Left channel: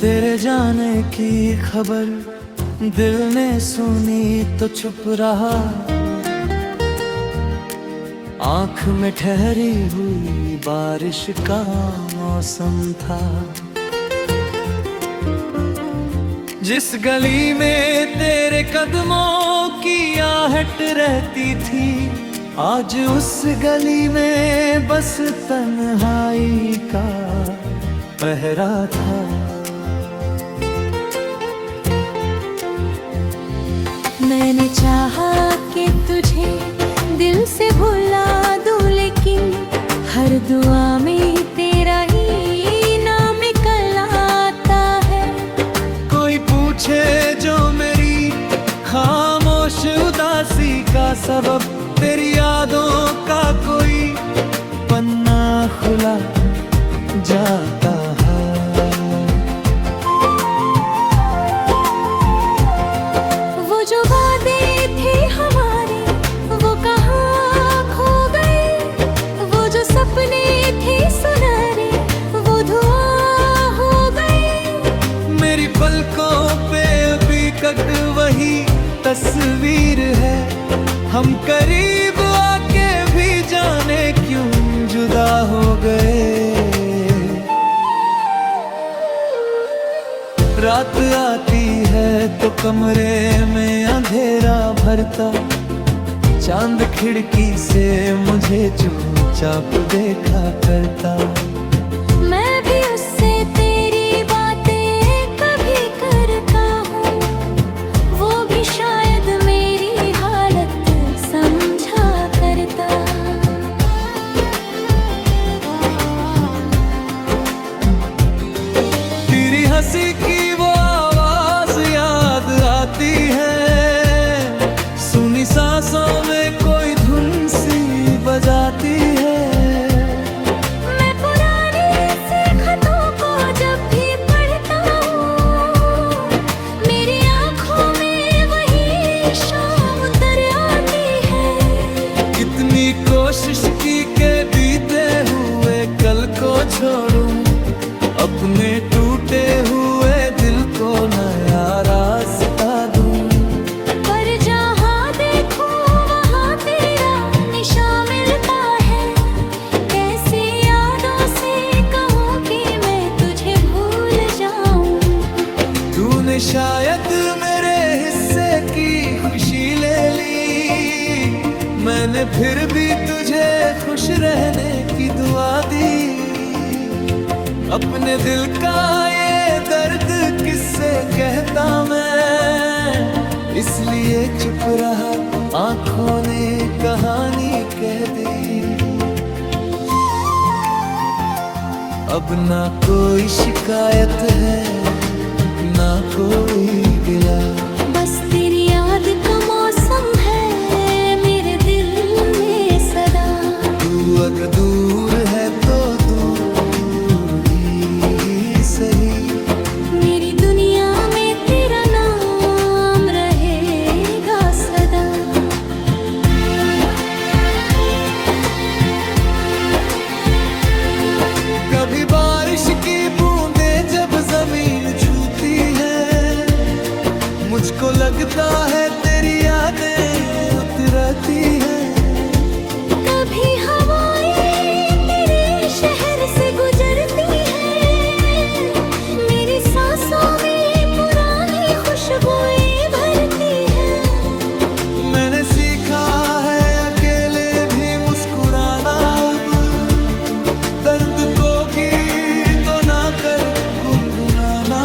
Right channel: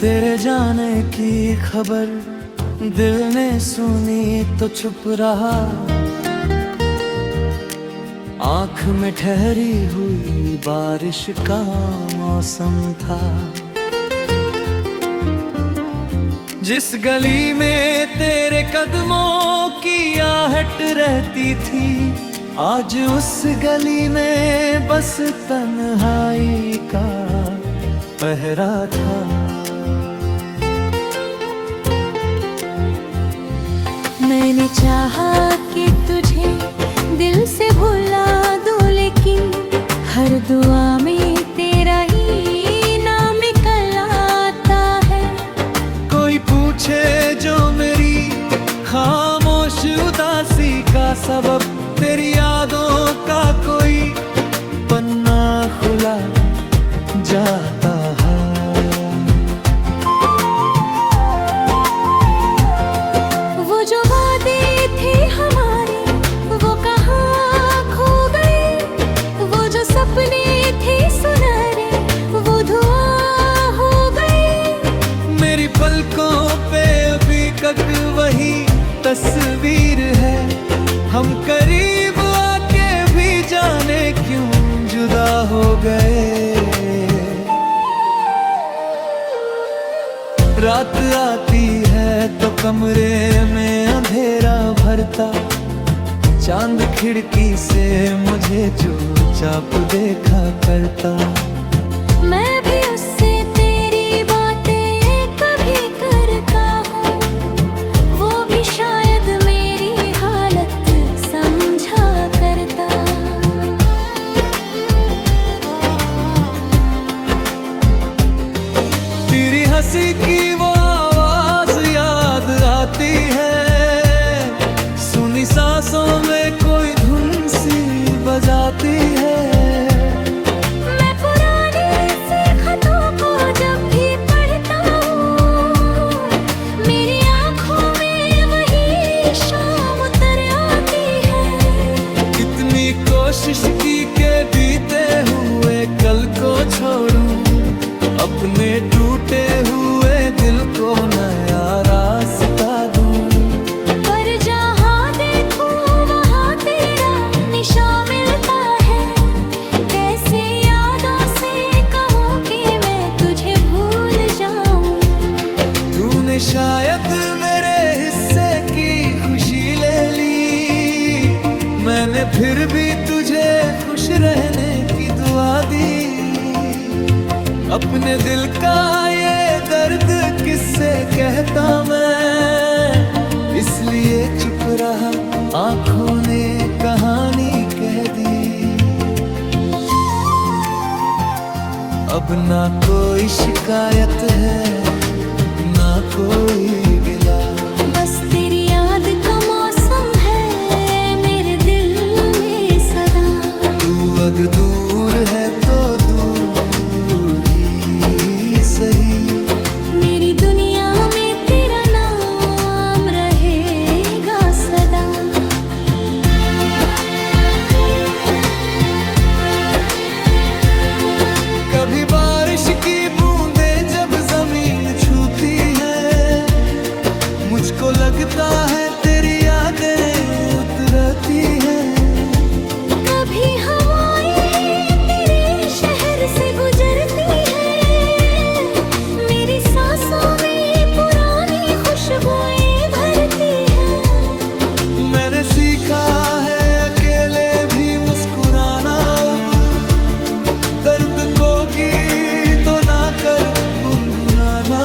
तेरे जाने की खबर दिल ने सुनी तो चुप रहा। आँख में ठहरी हुई बारिश का मौसम था। जिस गली में तेरे कदमों की आहट रहती थी, आज उस गली में बस तन्हाई का पहरा था। मैंने चाहा कि तुझे दिल से भुला दूं, लेकिन हर दुआ में तेरा ही नाम निकल आता है। कोई पूछे जो मेरी खामोश उदासी का सबब, तेरी यादों का कोई पन्ना खुला जाता है। वो जो वादे थे हमारे वो कहाँ खो गए, वो जो सपने थे सुनहरे वो धुआं हो गए। मेरी पलकों पे अभी तक वही तस्वीर है, हम करीब आके भी जाने क्यों जुदा हो गए। रात आती है तो कमरे में अंधेरा भरता, चांद खिड़की से मुझे चुपचाप देखा करता। मैं भी उससे तेरी बातें कभी करता हूँ, वो भी शायद मेरी हालत समझा करता। तेरी हंसी की वो आवाज याद आती है, सुनी सांसों में कोई धुन सी बजाती है। मैं पुराने से खतों को जब भी पढ़ता हूँ, मेरी आँखों में वही शाम उतर आती है। कितनी कोशिश की के बीते हुए कल को छोड़ूं, अपने टूटे हुए दिल को नया रास्ता दूं। पर जहाँ देखूं वहाँ तेरा निशान मिलता है, कैसी यादों से कहूँ कि मैं तुझे भूल जाऊं। तूने शायद मेरे हिस्से की खुशी ले ली, मैंने फिर भी तुझे खुश रहने की दुआ दी। अपने दिल का ये दर्द किससे कहता मैं, इसलिए चुप रहा, आंखों ने कहानी कह दी। अब ना कोई शिकायत है ना कोई गिला, बस तेरी याद का मौसम है मेरे दिल में सदा। तू अगर दूर है तो दूर सही, मेरी दुनिया में तेरा नाम रहेगा सदा। कभी बारिश की बूंदें जब जमीन छूती है, मुझको लगता है तेरी यादें उतरती हैं। कभी हवाएं तेरे शहर से गुजरती है, सांसों में पुरानी खुशबुएं भरती है। मैंने सीखा है अकेले भी मुस्कुराना, अब दर्द को गीतों ना कर गुनगुनाना।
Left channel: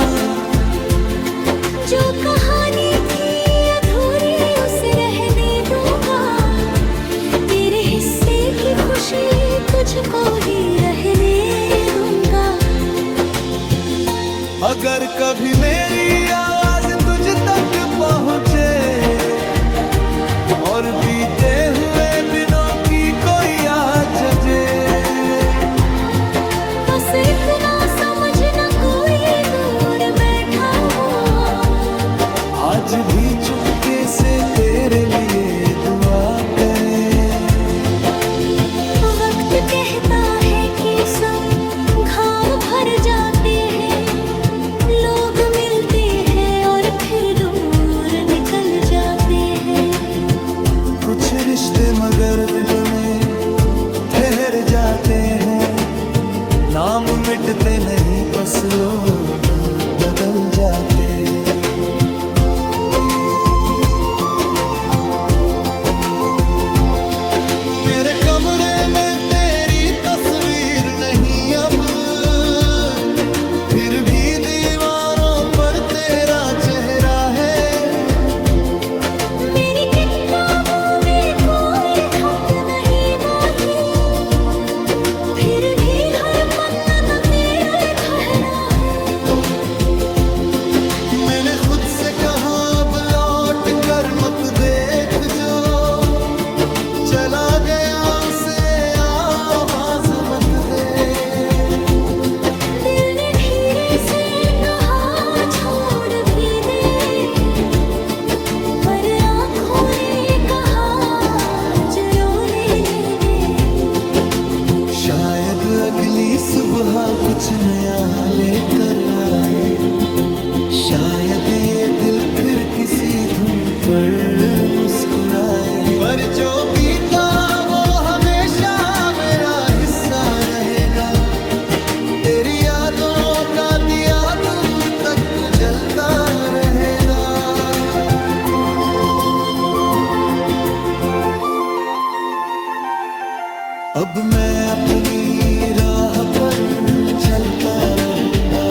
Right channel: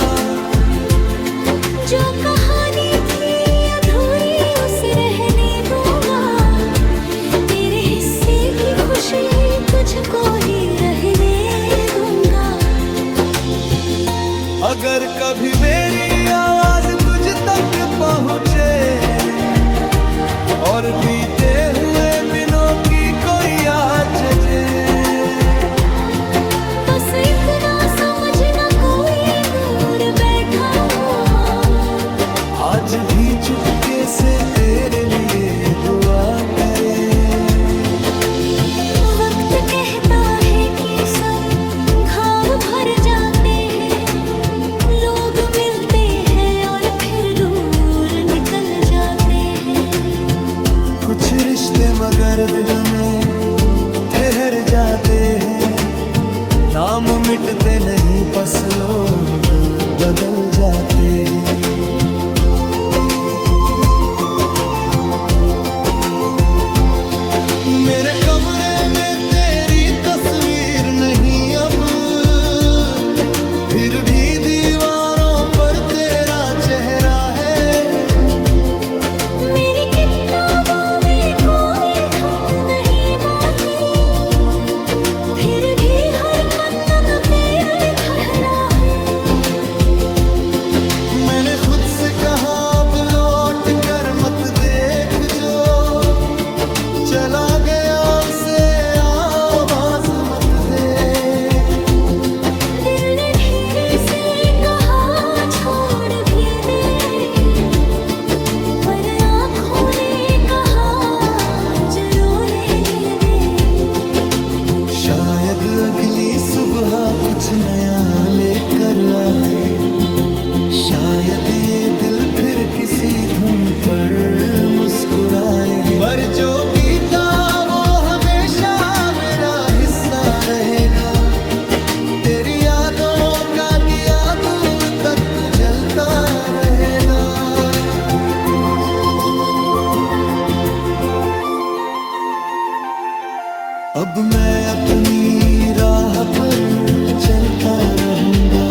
जो कहानी थी अधूरी उसे रहने दूंगा, तेरे हिस्से की खुशी तुझको ही रहने दूंगा। अगर कभी मेरी आवाज तुझ तक पहुँचे और बीते हुए दिनों की कोई याद जगे, बस इतना समझना कोई दूर बैठा हुआ आज भी चुपके से तेरे लिए दुआ करे। वक्त कहता है कि सब घाव भर जाते हैं, लोग मिलते हैं और फिर दूर निकल जाते हैं। कुछ रिश्ते मगर दिल में ठहर जाते हैं। नाम मिटते नहीं, बस लोग बदल जाते हैं। मेरे कमरे में तेरी तस्वीर नहीं अब, फिर भी दीवारों पर तेरा चेहरा है। मेरी किताबों में कोई खत नहीं बाकी, फिर भी हर पन्ना तेरा ठहरा है। मैंने खुद से कहा अब लौट कर मत देख, जो चला गया उसे आवाज मत दे। दिल ने धीरे से कहा छोड़ भी दे, पर आँखों ने कहा जरो लेने दे। शायद अगली सुबह कुछ नया लेकर आए, शायद ये दिल फिर किसी धुन पर मुस्कुराए। पर जो बीता वो हमेशा मेरा हिस्सा रहेगा। तेरी यादों का दिया दूर तक जलता रहेगा। अब मैं अपनी राह पर चलता रहूंगा,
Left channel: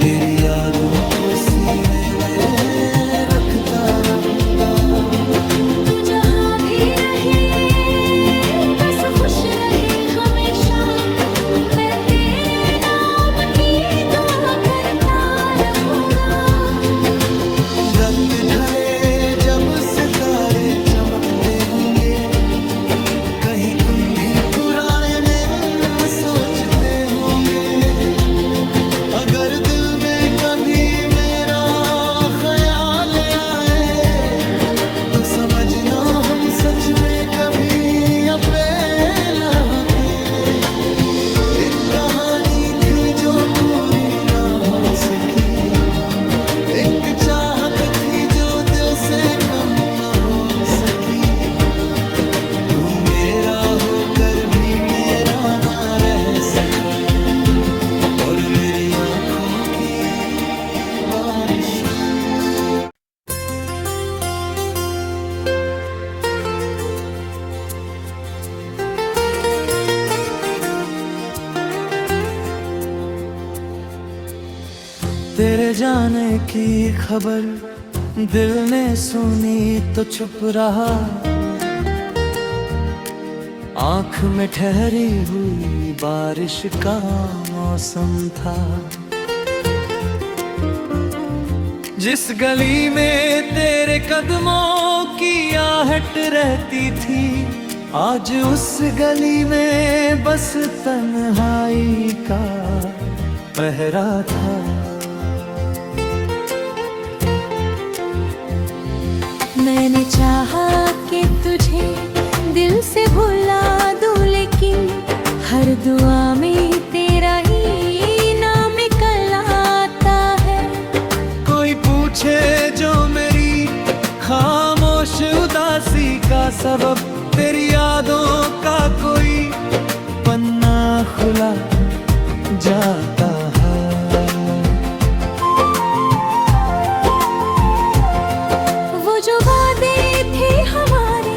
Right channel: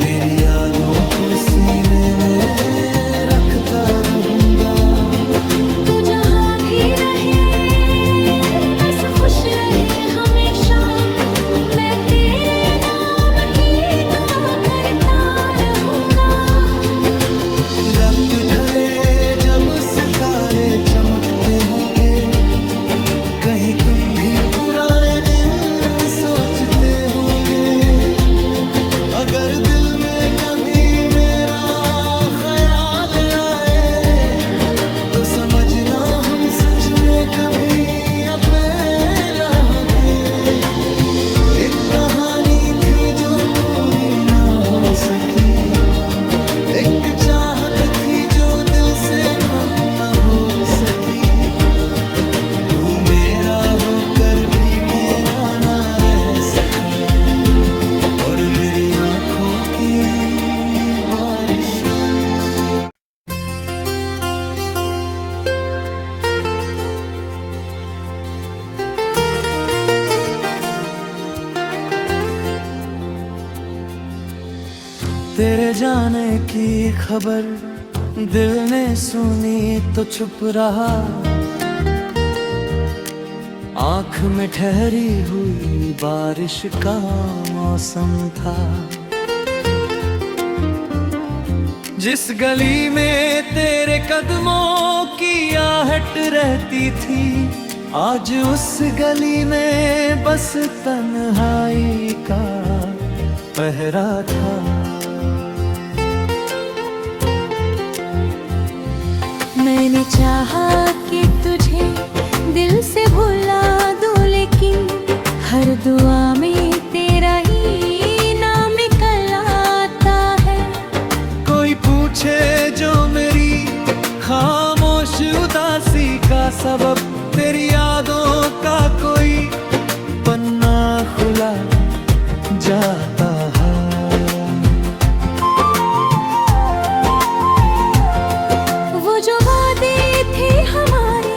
तेरी यादों को सीने में रखता रहूंगा। तू जहाँ भी रहे बस खुश रहे हमेशा, मैं तेरे नाम की दुआ करता रहूंगा। रात ढले जब सितारे चमकते होंगे, कहीं तुम भी पुराने दिन सोचते होंगे। अगर दिल में कभी मेरा ख्याल आए, तो समझना हम सच में कभी अकेला थे। एक कहानी थी जो पूरी ना हो सकी, एक चाहत थी जो दिल से कम ना हो सकी। तू मेरा होकर भी मेरा ना रह सका, और मेरी आंखों की बारिश। तेरे जाने की खबर दिल ने सुनी तो चुप रहा। आँख में ठहरी हुई बारिश का मौसम था। जिस गली में तेरे कदमों की आहट रहती थी, आज उस गली में बस तन्हाई का पहरा था। मैंने चाहा कि तुझे दिल से भुला दूं, लेकिन हर दुआ में तेरा ही नाम निकल आता है। कोई पूछे जो मेरी खामोश उदासी का सबब, तेरी यादों का कोई पन्ना खुला जाता है। वो जो वादे थे हमारे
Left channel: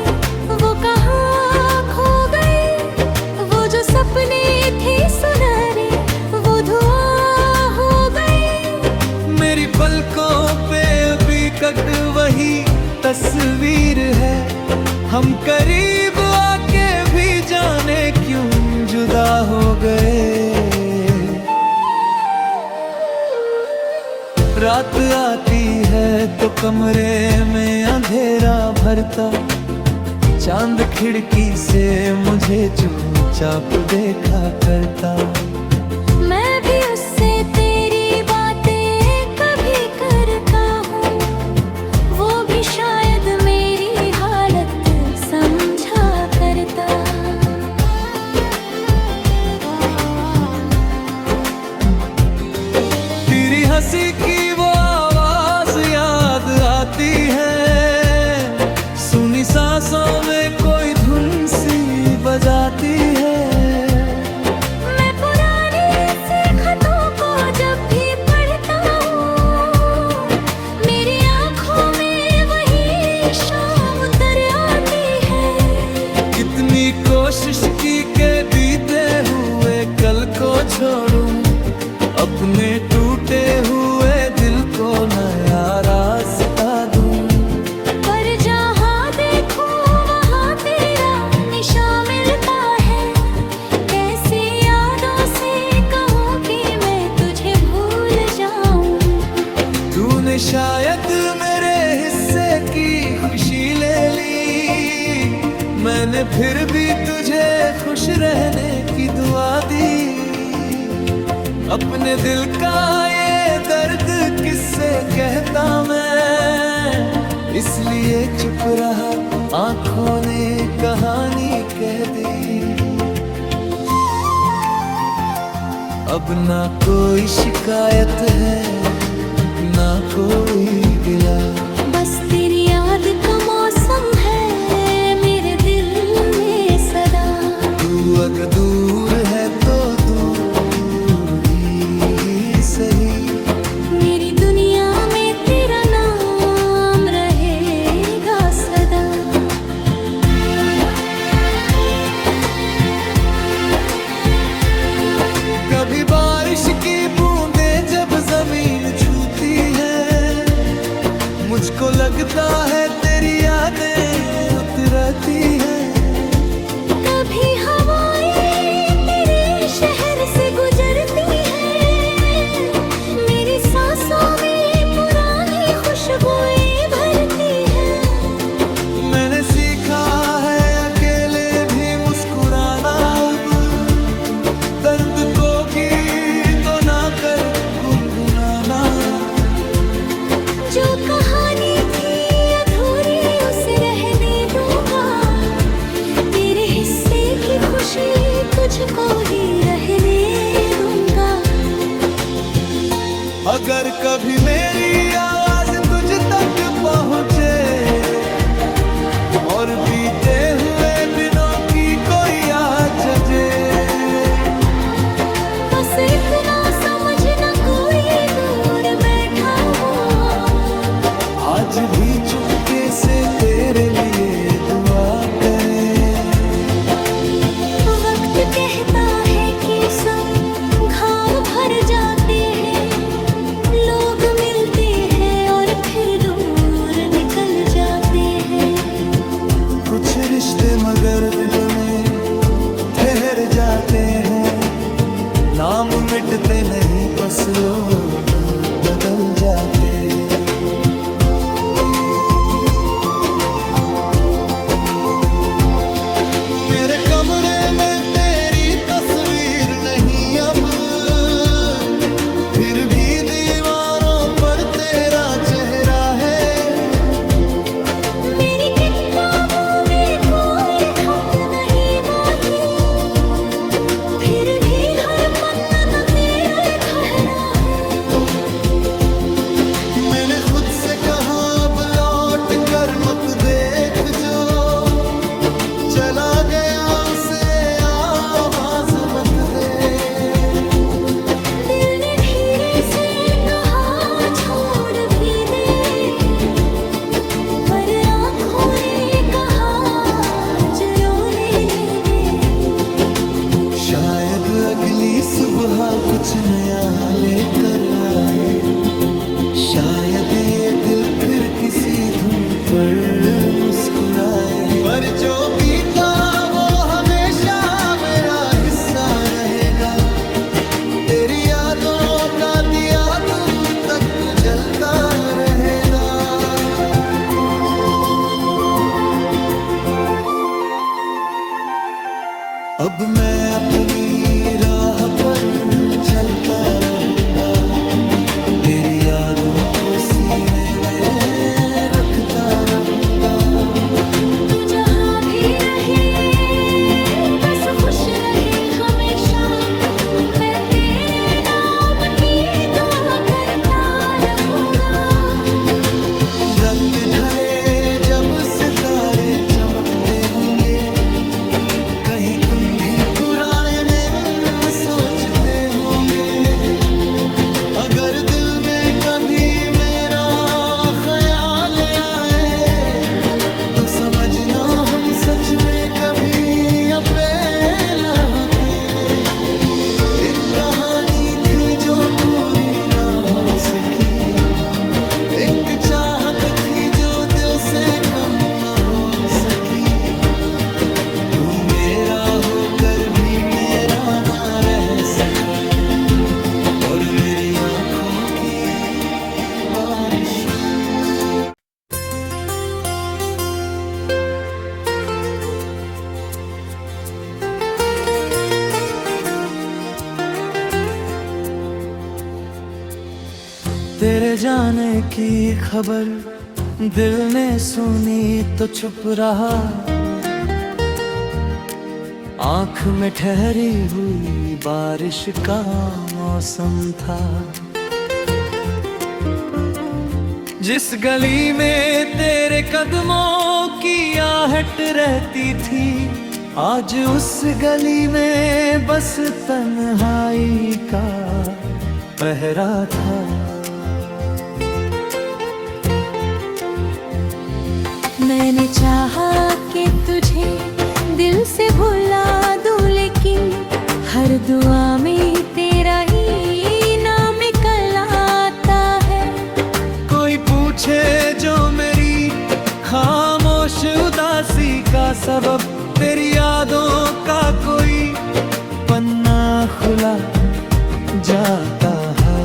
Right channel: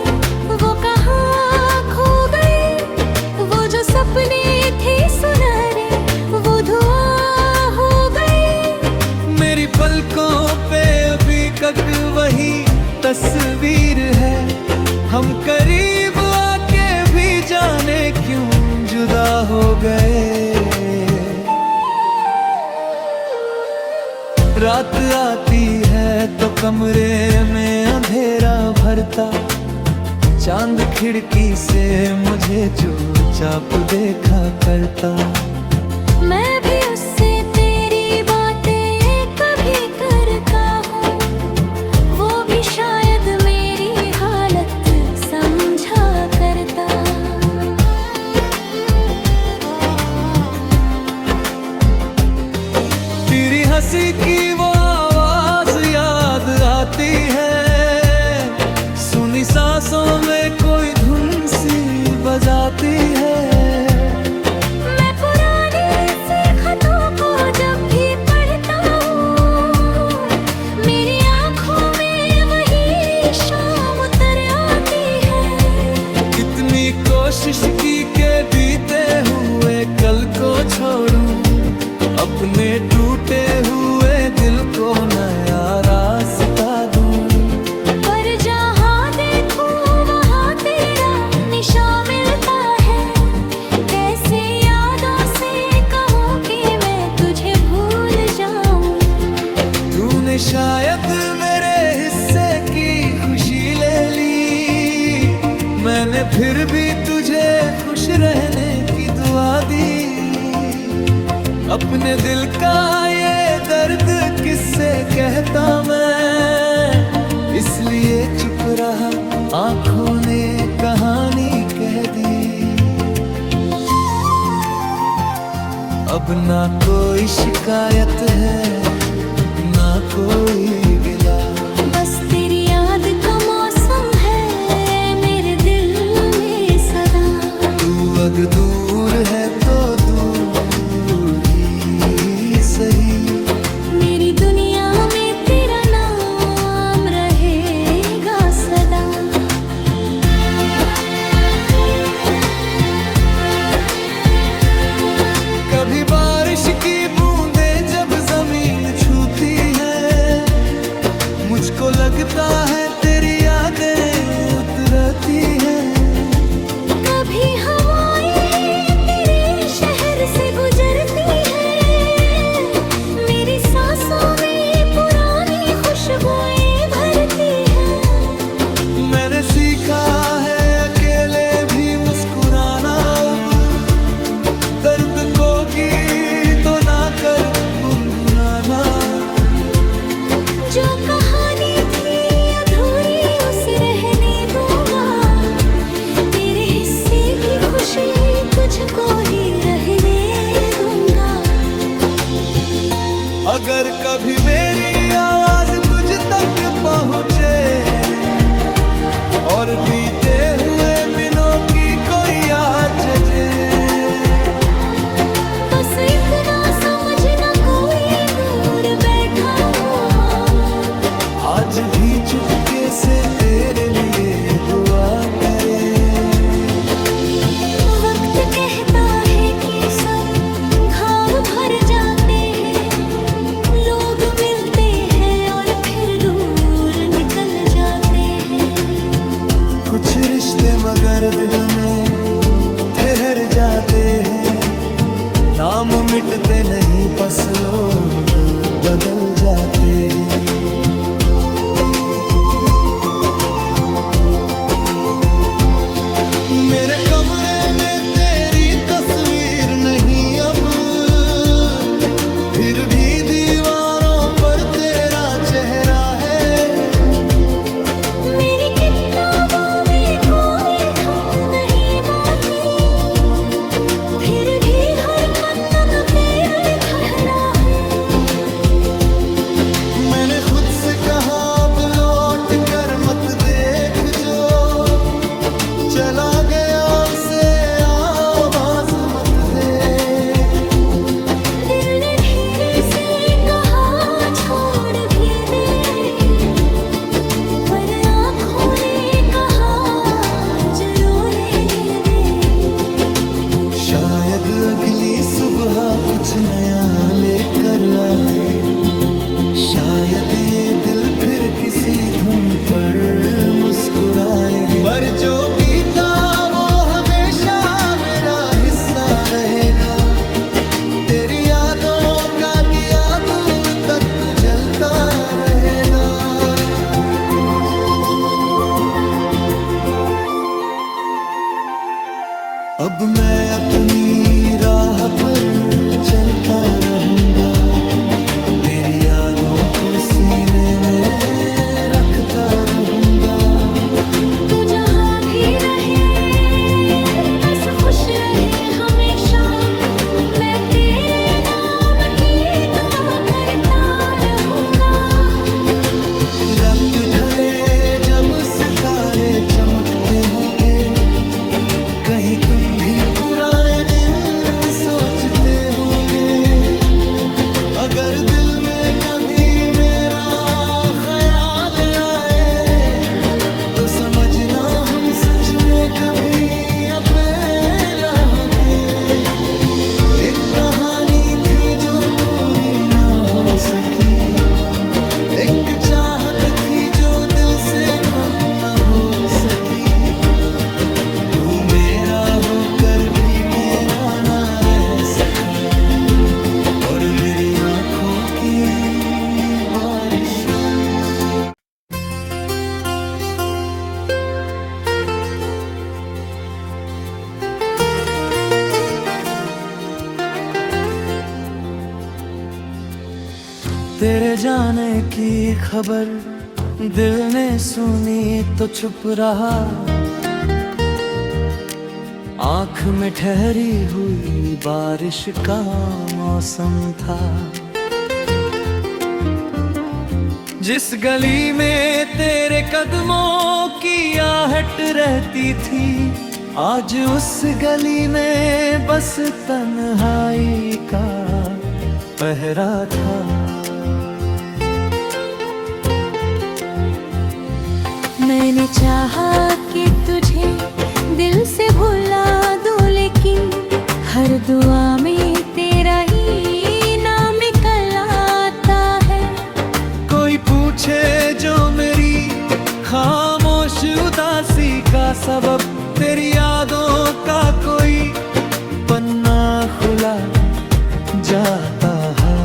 वो कहाँ खो गए, वो जो सपने थे सुनहरे वो धुआं हो गए। मेरी पलकों पे अभी तक वही तस्वीर है, हम करीब आके भी जाने क्यों जुदा हो गए। रात आती है तो कमरे में अंधेरा भरता, चांद खिड़की से मुझे चुपचाप देखा करता। मैं भी उससे तेरी बातें कभी करता हूँ, वो भी शायद मेरी हालत समझा करता। तेरी किसी की वो आवाज याद आती है, सुनी सांसों में कोई धुन सी बजाती है। मैं पुराने से खतों को जब भी पढ़ता हूँ, मेरी आंखों में वही शाम उतर आती है। कितनी कोशिश की के बीते हुए कल को छोड़ूं, अपने टूटे हुए दिल को नया रास्ता दूं। पर जहाँ देखूं वहाँ तेरा निशान मिलता है, कैसी यादों से कहूँ कि मैं तुझे भूल जाऊं। तूने शायद मेरे हिस्से की खुशी ले ली, मैंने फिर भी तुझे खुश रहने की दुआ दी। अपने दिल का ये दर्द किससे कहता मैं, इसलिए चुप रहा, आंखों ने कहानी कह दी। अब ना कोई शिकायत है, ना कोई गिला, बस तेरी याद का मौसम है मेरे दिल में सदा। तू अगर दूर है तो दूर ही सही, मेरी दुनिया में तेरा नाम रहेगा सदा। कभी बारिश की बूंदें जब जमीन छूती है, मुझको लगता है तेरी यादें उतरती हैं। कभी हवाएं तेरे शहर से गुजरती हैं, मेरी सांसों में पुरानी खुशबुएं भरती हैं। मैंने सीखा है अकेले भी मुस्कुराना, अब दर्द को गीतों ना कर गुनगुनाना। जो कहानी थी अधूरी उसे रहने दूंगा, तेरे हिस्से की खुशी तुझको ही रहने दूंगा। अगर कभी मेरी आवाज तुझ तक पहुँचे और बीते हुए दिनों की कोई याद जगे, बस इतना समझना कोई दूर बैठा हुआ आज भी चुपके से तेरे लिए दुआ करे। वक्त कहता है कि सब घाव भर जाते हैं, लोग मिलते हैं और फिर दूर निकल जाते हैं। कुछ रिश्ते मगर दिल में ठहर जाते हैं, नाम मिटते नहीं बस लोग बदल जाते हैं। मेरे कमरे में तेरी तस्वीर नहीं अब, फिर भी दीवारों पर तेरा चेहरा है। मेरी किताबों में कोई खत नहीं बाकी, फिर भी हर पन्ना न तेरा ठहरा है। मैंने खुद से कहा अब लौट कर मत देख, जो चला गया उसे आवाज मत दे। दिल ने धीरे से कहा छोड़ भी दे, पर आँखों ने कहा जो रोने नहीं दे। शायद अगली सुबह कुछ नया लेकर आए, शायद ये दिल फिर किसी धुन पर मुस्कुराए। पर जो बीता वो हमेशा मेरा हिस्सा रहेगा, तेरी यादों का दिया दूर तक जलता रहेगा। अब मैं अपनी राह पर चलता रहूंगा, तेरी यादों को सीने में रखता रहूंगा। तू जहाँ भी रहे बस खुश रहे हमेशा, मैं तेरे नाम की दुआ करता रात ढले जब सितारे चमकते होंगे, कहीं तुम भी पुराने दिन सोचते होंगे। अगर दिल में कभी मेरा ख्याल आए तो समझना हम सच में कभी अकेला थे। एक कहानी थी जो पूरी ना हो सकी, एक चाहत थी जो दिल से कम ना हो सकी। तू मेरा होकर भी मेरा ना रह सका, और मेरी आंखों की बारिश। तेरे जाने की खबर दिल ने सुनी तो चुप रहा, आंख में ठहरी हुई बारिश का मौसम था। जिस गली में तेरे कदमों की आहट रहती थी, आज उस गली में बस तन्हाई का पहरा था। मैंने चाहा कि तुझे दिल से भुला दूं, लेकिन हर दुआ में तेरा ही नाम निकल आता है। कोई पूछे जो मेरी खामोश उदासी का सबब, तेरी यादों का कोई पन्ना खुला जाता है।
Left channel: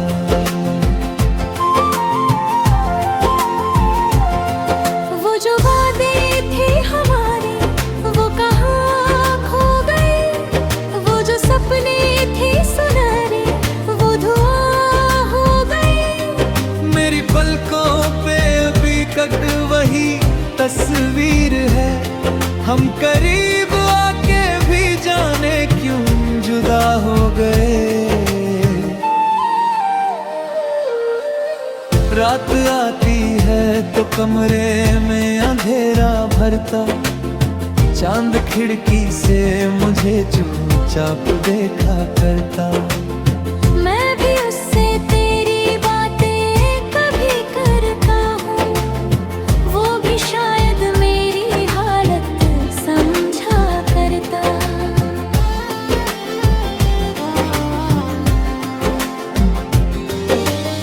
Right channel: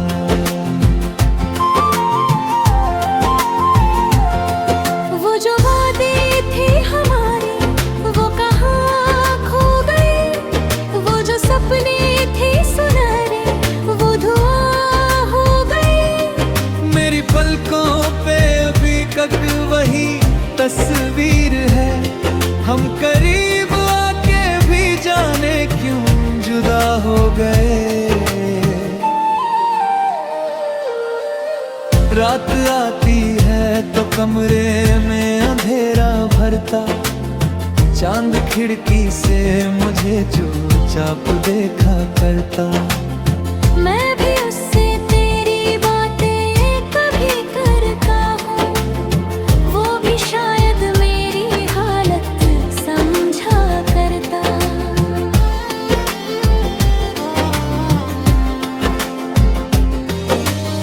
वो जो वादे थे हमारे वो कहाँ खो गए, वो जो सपने थे सुनहरे वो धुआं हो गए। मेरी पलकों पे अभी तक वही तस्वीर है, हम करीब आके भी जाने क्यों जुदा हो गए। रात आती है तो कमरे में अंधेरा भरता, चांद खिड़की से मुझे चुपचाप देखा करता। मैं भी उससे तेरी बातें कभी करता हूँ, वो भी शायद मेरी हालत समझा करता।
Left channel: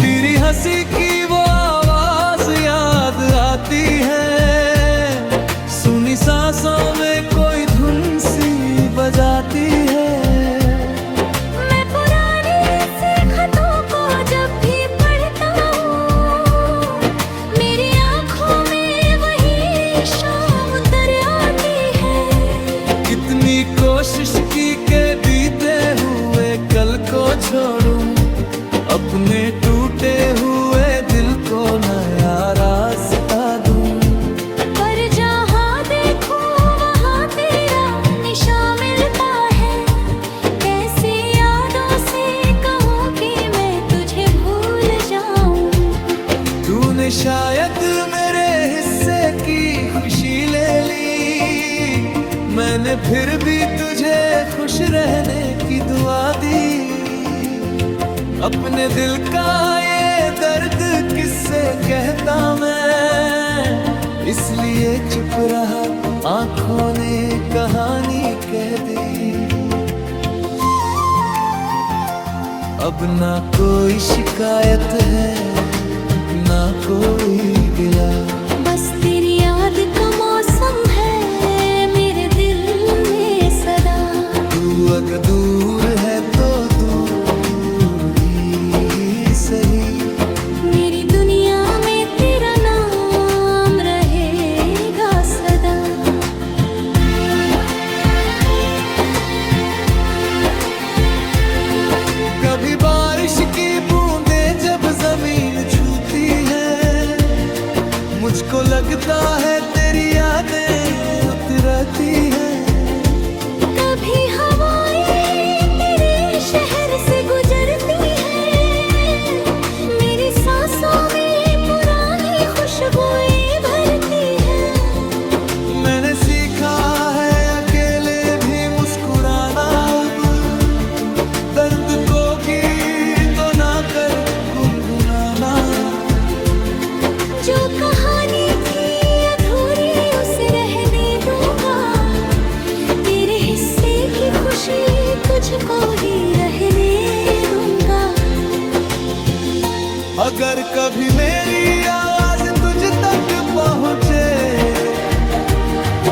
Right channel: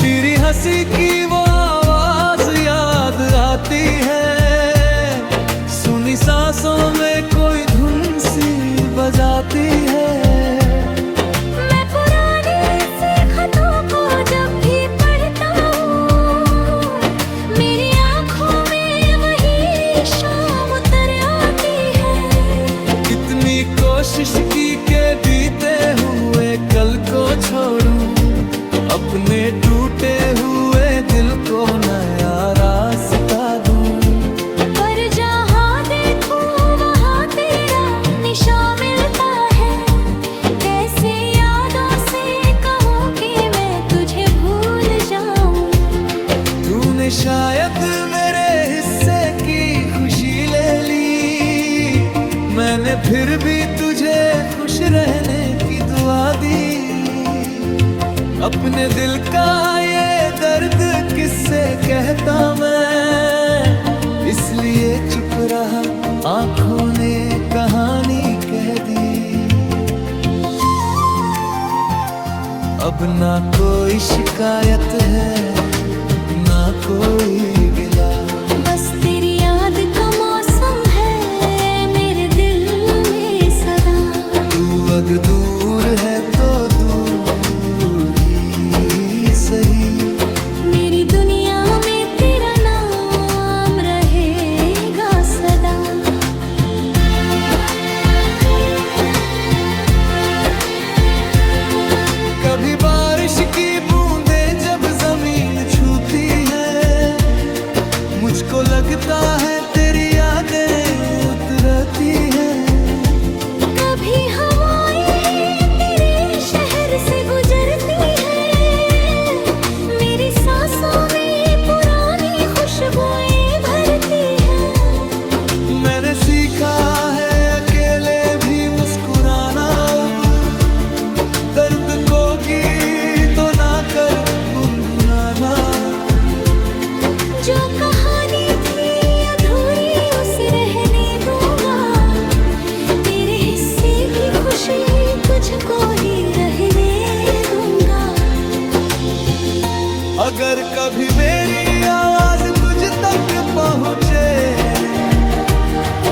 तेरी हंसी की वो आवाज याद आती है, सुनी सांसों में कोई धुन सी बजाती है। मैं पुराने से खतों को जब भी पढ़ता हूँ, मेरी आंखों में वही शाम उतर आती है। कितनी कोशिश की के बीते हुए कल को छोड़ूं, अपने टूटे हुए दिल को नया रास्ता दूं। पर जहाँ देखूं वहाँ तेरा निशान मिलता है, कैसी यादों से कहूँ कि मैं तुझे भूल जाऊं। तूने शायद मेरे हिस्से की खुशी ले ली, मैंने फिर भी तुझे खुश रहने की दुआ दी। अपने दिल का ये दर्द किससे कहता मैं, इसलिए चुप रहा, आंखों ने कहानी कह दी। अब ना कोई शिकायत है ना कोई गिला, बस तेरी याद का मौसम है मेरे दिल में सदा। तू अगर दूर है तो दूर सही, मेरी दुनिया में तेरा नाम रहेगा सदा। कभी बारिश की बूंदें जब जमीन छूती है, मुझको लगता है तेरी यादें उतरती हैं। कभी हवाएं तेरे शहर से गुजरती है, मेरी सांसों में पुरानी खुश खुशबुएं भरती है। मैंने सीखा है अकेले भी मुस्कुराना अब, दर्द को गीतों ना कर गुनगुनाना। जो कहानी थी अधूरी उसे रहने दूंगा, तेरे हिस्से की खुशी तुझको ही रहने दूंगा। अगर कभी मेरी आवाज तुझ तक पहुँचे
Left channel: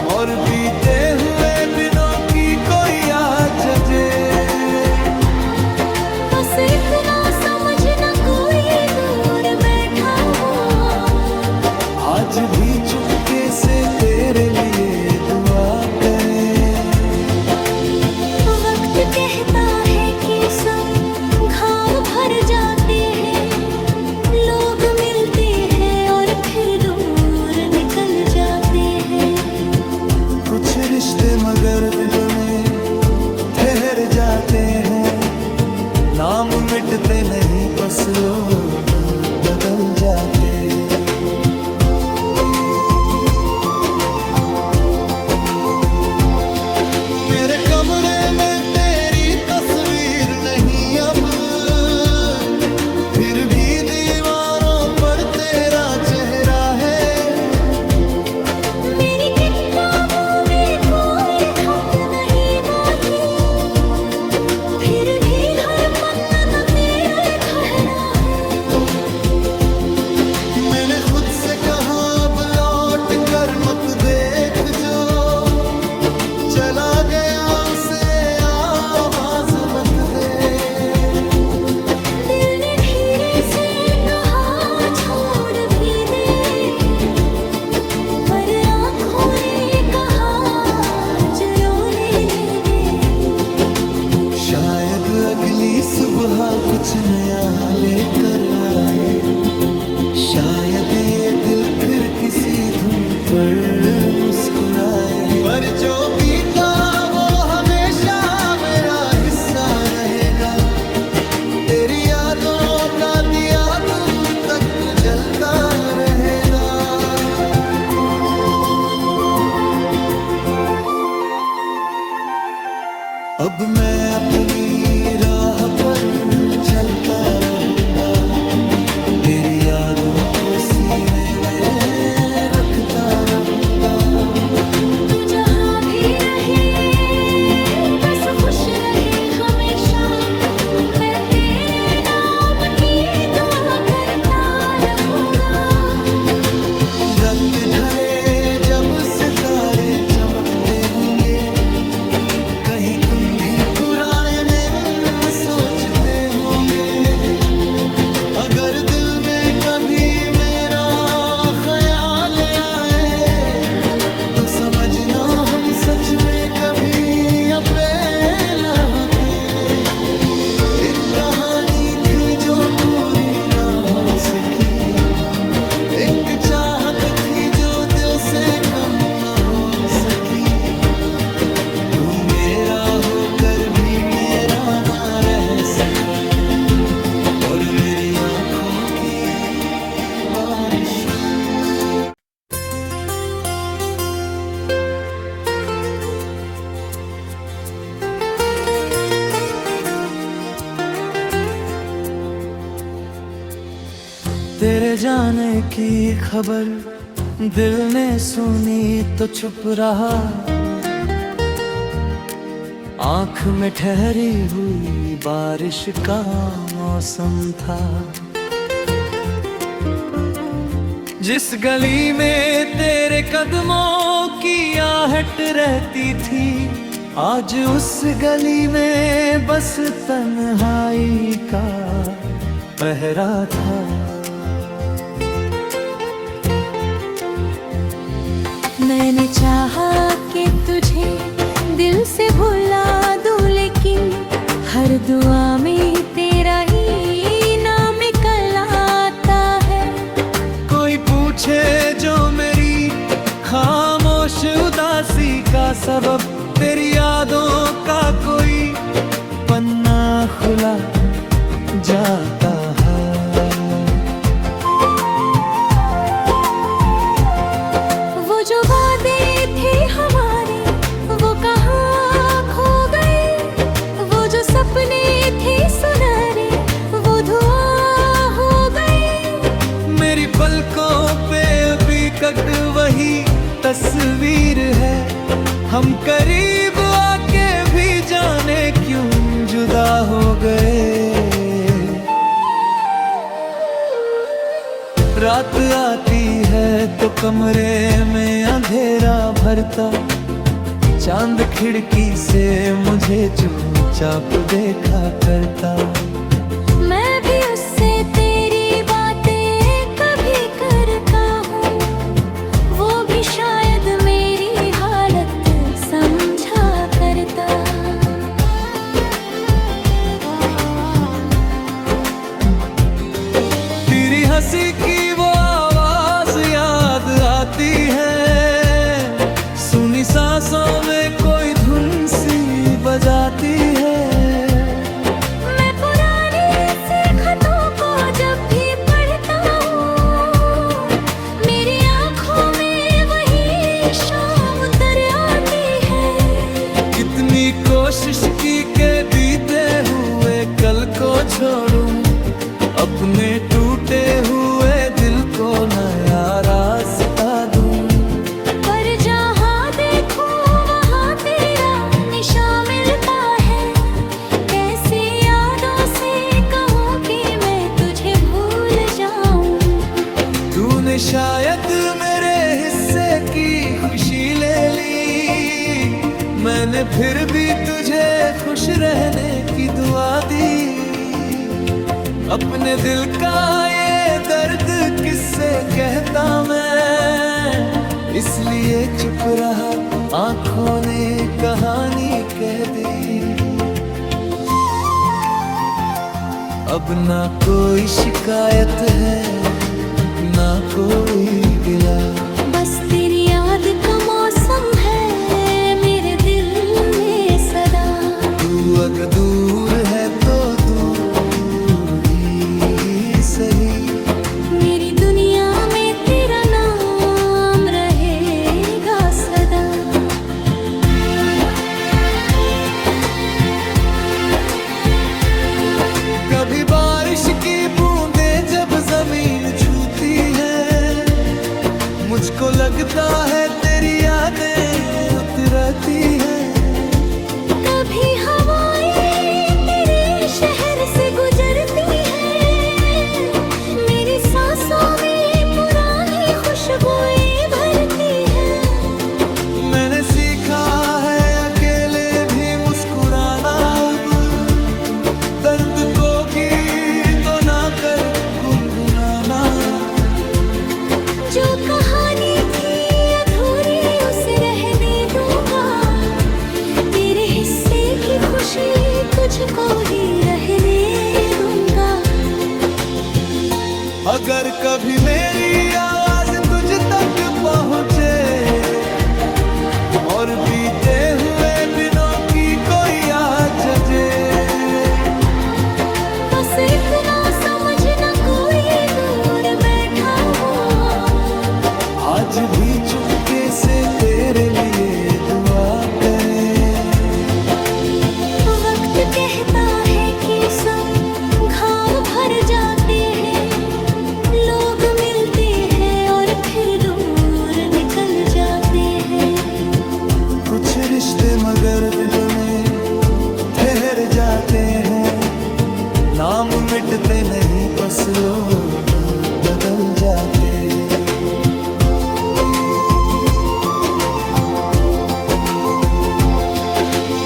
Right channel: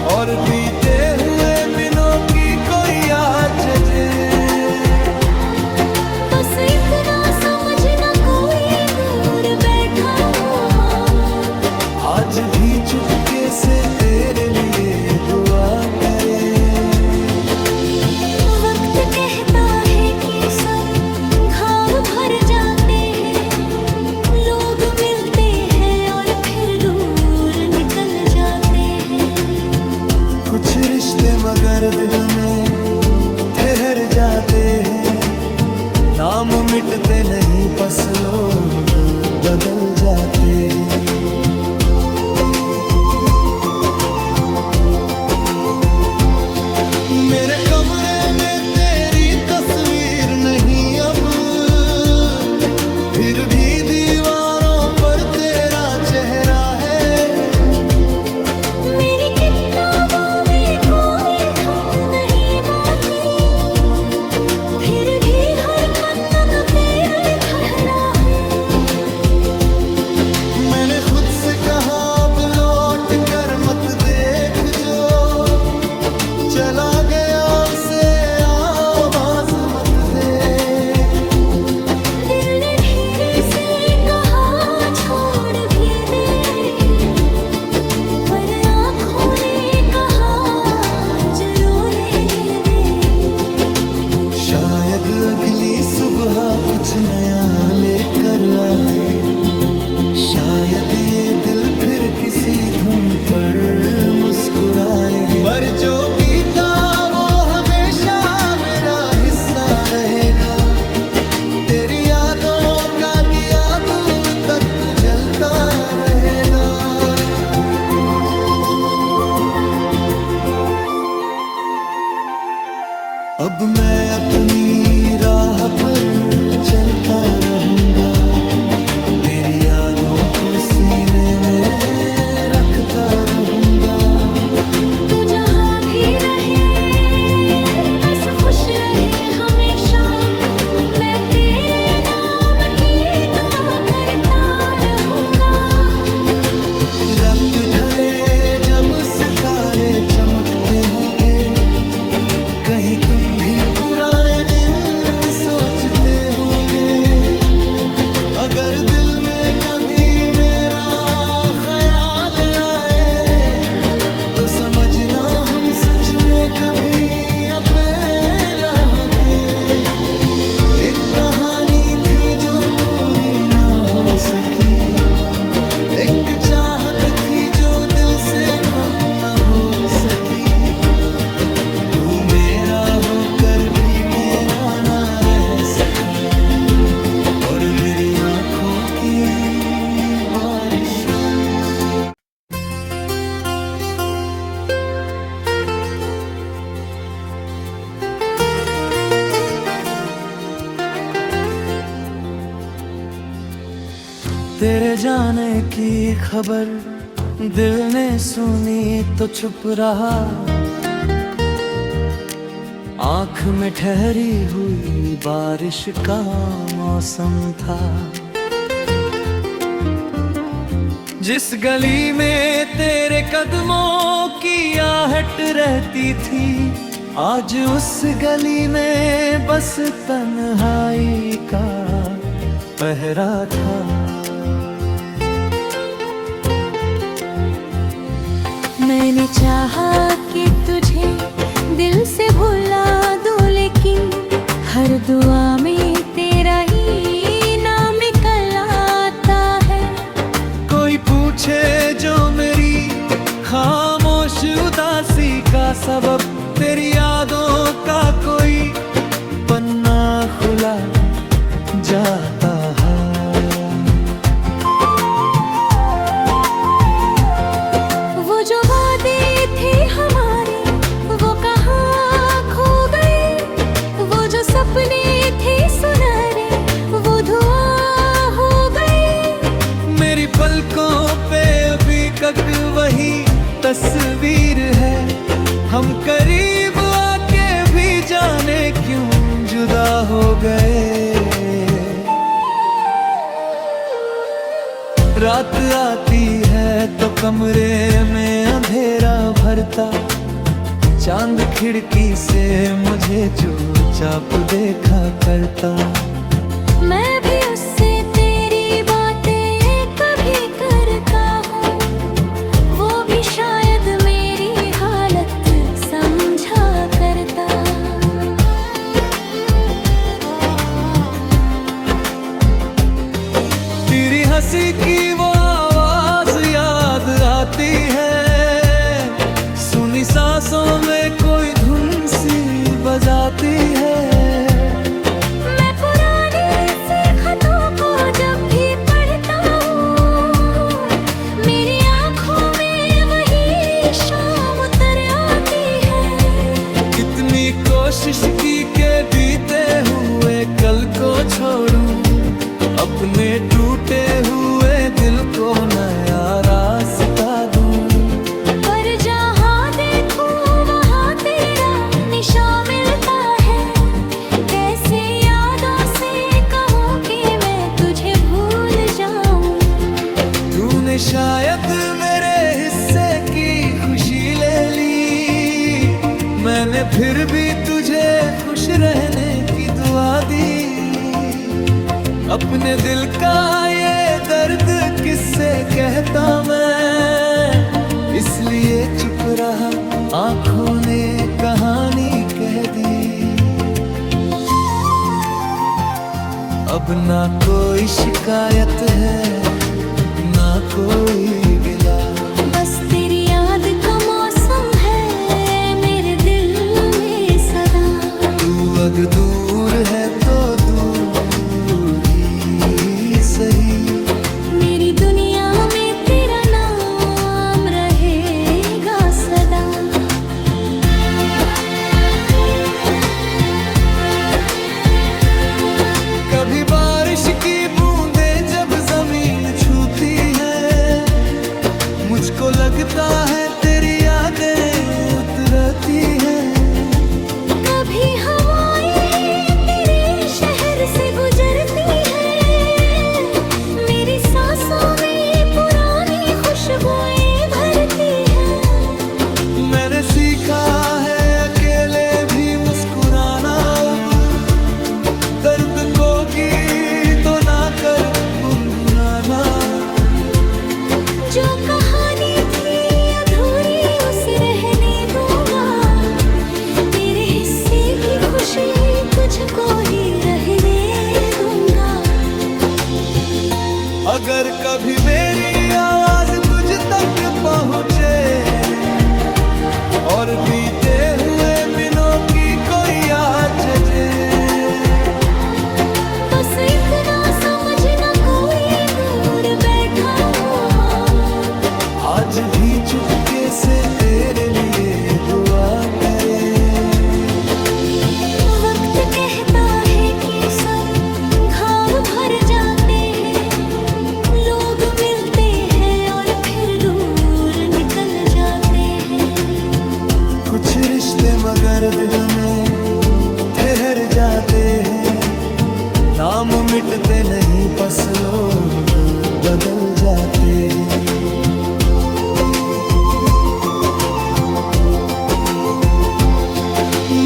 और बीते हुए दिनों की कोई याद जगे, बस इतना समझना कोई दूर बैठा हुआ आज भी चुपके से तेरे लिए दुआ करे। वक्त कहता है कि सब घाव भर जाते हैं, लोग मिलते हैं और फिर दूर निकल जाते हैं। कुछ रिश्ते मगर दिल में ठहर जाते हैं, नाम मिटते नहीं बस लोग बदल जाते हैं। मेरे कमरे में तेरी तस्वीर नहीं अब, फिर भी दीवारों पर तेरा चेहरा है। मेरी किताबों में कोई खत नहीं बाकी, फिर भी हर पन्ना तेरा ठहरा है। मैंने खुद से कहा अब लौट कर मत देख, जो चला गया उसे आवाज मत दे। दिल ने धीरे से कहा छोड़ भी दे, पर आँखों ने कहा जरो लेने दे। शायद अगली सुबह कुछ नया लेकर आए, शायद ये दिल फिर किसी धुन पर मुस्कुराए। पर जो बीता वो हमेशा मेरा हिस्सा रहेगा, तेरी यादों का दिया दूर तक जलता रहेगा। अब मैं अपनी राह पर चलता रहूंगा, तेरी यादों को सीने में रखता रहूंगा। तू जहाँ भी रहे बस खुश रहे हमेशा, मैं तेरे नाम की दुआ करता रहूंगा। रात ढले जब सितारे चमकते होंगे, कहीं तुम भी पुराने दिन सोचते होंगे। अगर दिल में कभी मेरा ख्याल आए, तो समझना हम सच में कभी अकेला थे। एक कहानी थी जो पूरी ना हो सकी, एक चाहत थी जो दिल से कम ना हो सकी। तू मेरा होकर भी मेरा ना रह सका, और मेरी आंखों की बारिश। तेरे जाने की खबर दिल ने सुनी तो चुप रहा, आँख में ठहरी हुई बारिश का मौसम था। जिस गली में तेरे कदमों की आहट रहती थी, आज उस गली में बस तन्हाई का पहरा था। मैंने चाहा कि तुझे दिल से भुला दूं, लेकिन हर दुआ में तेरा ही नाम निकल आता है। कोई पूछे जो मेरी खामोश उदासी का सबब, तेरी यादों का कोई पन्ना खुला जाता है। टिकट वही तस्वीर है। हम करीब आके भी जाने क्यों जुदा हो गए। रात आती है तो कमरे में अंधेरा भरता, चांद खिड़की से मुझे चुपचाप देखा करता। मैं भी उससे तेरी बातें कभी करता हूँ, वो भी शायद मेरी हालत समझा करता। तेरी हंसी की वो आवाज याद आती है, सुनी सांसों में कोई धुन सी बजाती है। मैं पुराने से खतों को जब भी पढ़ता हूँ, मेरी आंखों में वही शाम उतर आती है। कितनी कोशिश की के बीते हुए कल को छोड़ूं, अपने टूटे हुए दिल को नया रास्ता दूं। पर जहाँ देखूं वहाँ तेरा निशान मिलता है, कैसी यादों से कहूँ कि मैं तुझे भूल जाऊं। तूने शायद मेरे हिस्से की खुशी ले ली, मैंने फिर भी तुझे खुश रहने की दुआ दी। अपने दिल का ये दर्द किससे कहता मैं, इसलिए चुप रहा, आंखों ने कहानी कह दी। अब ना कोई शिकायत है, ना कोई गिला, बस तेरी याद का मौसम है मेरे दिल में सदा। तू अगर दूर है तो दूर सही, मेरी दुनिया में तेरा नाम रहेगा सदा। कभी बारिश की बूंदें जब जमीन छूती है, मुझको लगता है तेरी यादें उतरती हैं। कभी हवाएं तेरे शहर से गुजरती है, सांसों में पुरानी खुशबुएं भरती है। मैंने सीखा है अकेले भी मुस्कुराना, अब दर्द को गीतों ना कर गुनगुनाना। जो कहानी थी अधूरी उसे रहने दूंगा, तेरे हिस्से की खुशी तुझको ही रहने दूंगा। अगर कभी मेरी आवाज तुझ तक पहुँचे और बीते हुए दिनों की कोई याद जगे, बस इतना समझना कोई दूर बैठा हुआ आज भी चुपके से तेरे लिए दुआ करे। वक्त कहता है कि सब घाव भर जाते हैं, लोग मिलते हैं और फिर दूर निकल जाते हैं। कुछ रिश्ते मगर दिल में ठहर जाते हैं, नाम मिटते नहीं बस लोग बदल जाते हैं।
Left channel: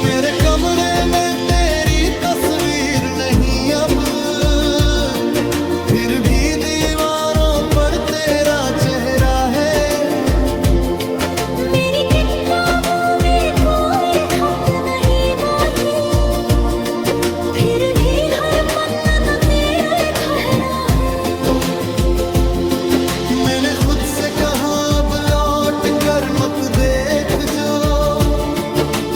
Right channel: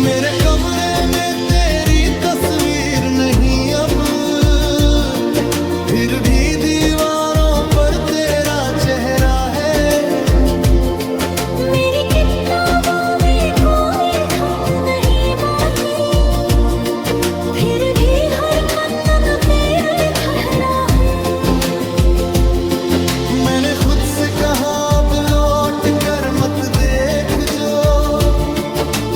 मेरे कमरे में तेरी तस्वीर नहीं अब, फिर भी दीवारों पर तेरा चेहरा है। मेरी किताबों में कोई खत नहीं बाकी, फिर भी हर पन्ना न तेरा ठहरा है। मैंने खुद से कहा अब लौट कर मत देख, जो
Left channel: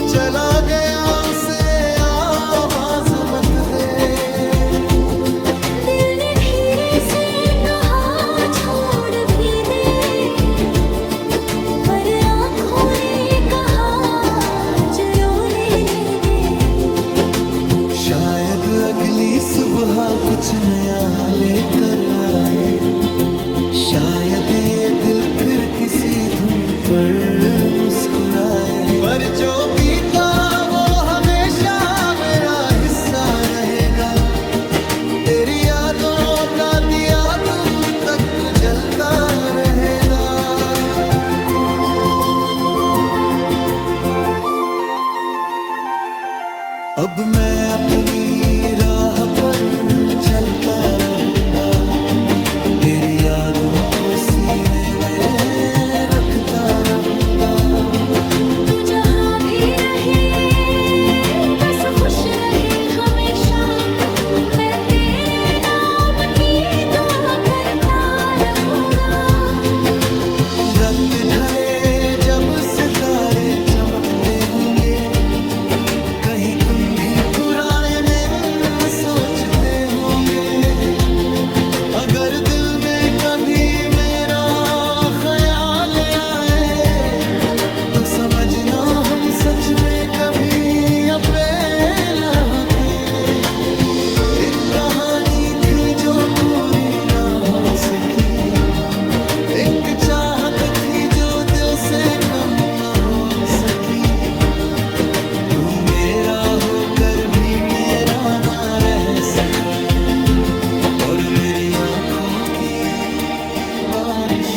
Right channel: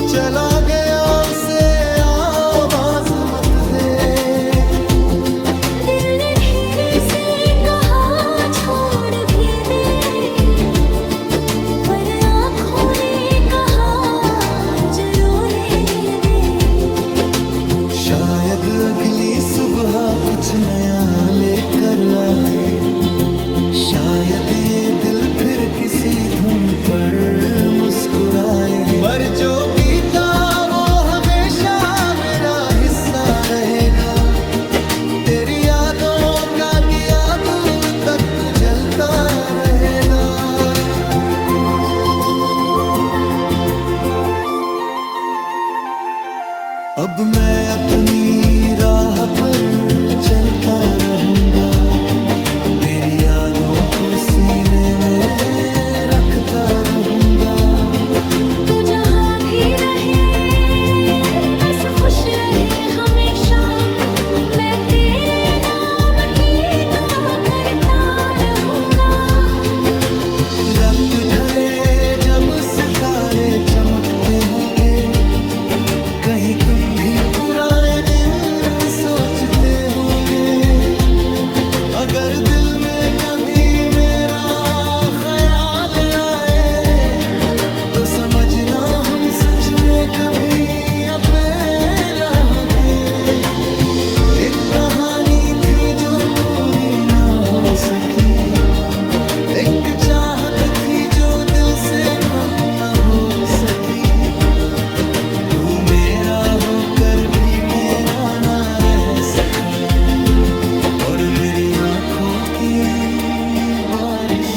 चला गया उसे आवाज मत दे। दिल ने धीरे से कहा छोड़ भी दे, पर आँखों ने कहा जरो लेने दे। शायद अगली सुबह कुछ नया लेकर आए, शायद ये दिल फिर किसी धुन पर मुस्कुराए, पर जो बीता वो हमेशा मेरा हिस्सा रहेगा। तेरी यादों का दिया दूर तक जलता रहेगा। अब मैं अपनी राह पर चलता रहूंगा, तेरी यादों को सीने में रखता रहूंगा। तू जहाँ भी रहे बस खुश रहे हमेशा, मैं तेरे नाम की दुआ करता रहूंगा। रात ढले जब सितारे चमकते होंगे, कहीं तुम भी पुराने दिन सोचते होंगे। अगर दिल में कभी मेरा ख्याल आए, तो समझना हम सच में कभी अकेला थे। एक कहानी थी जो पूरी ना हो सकी, एक चाहत थी जो दिल से कम ना हो सकी। तू मेरा होकर भी मेरा ना रह सका, और मेरी आंखों की बारिश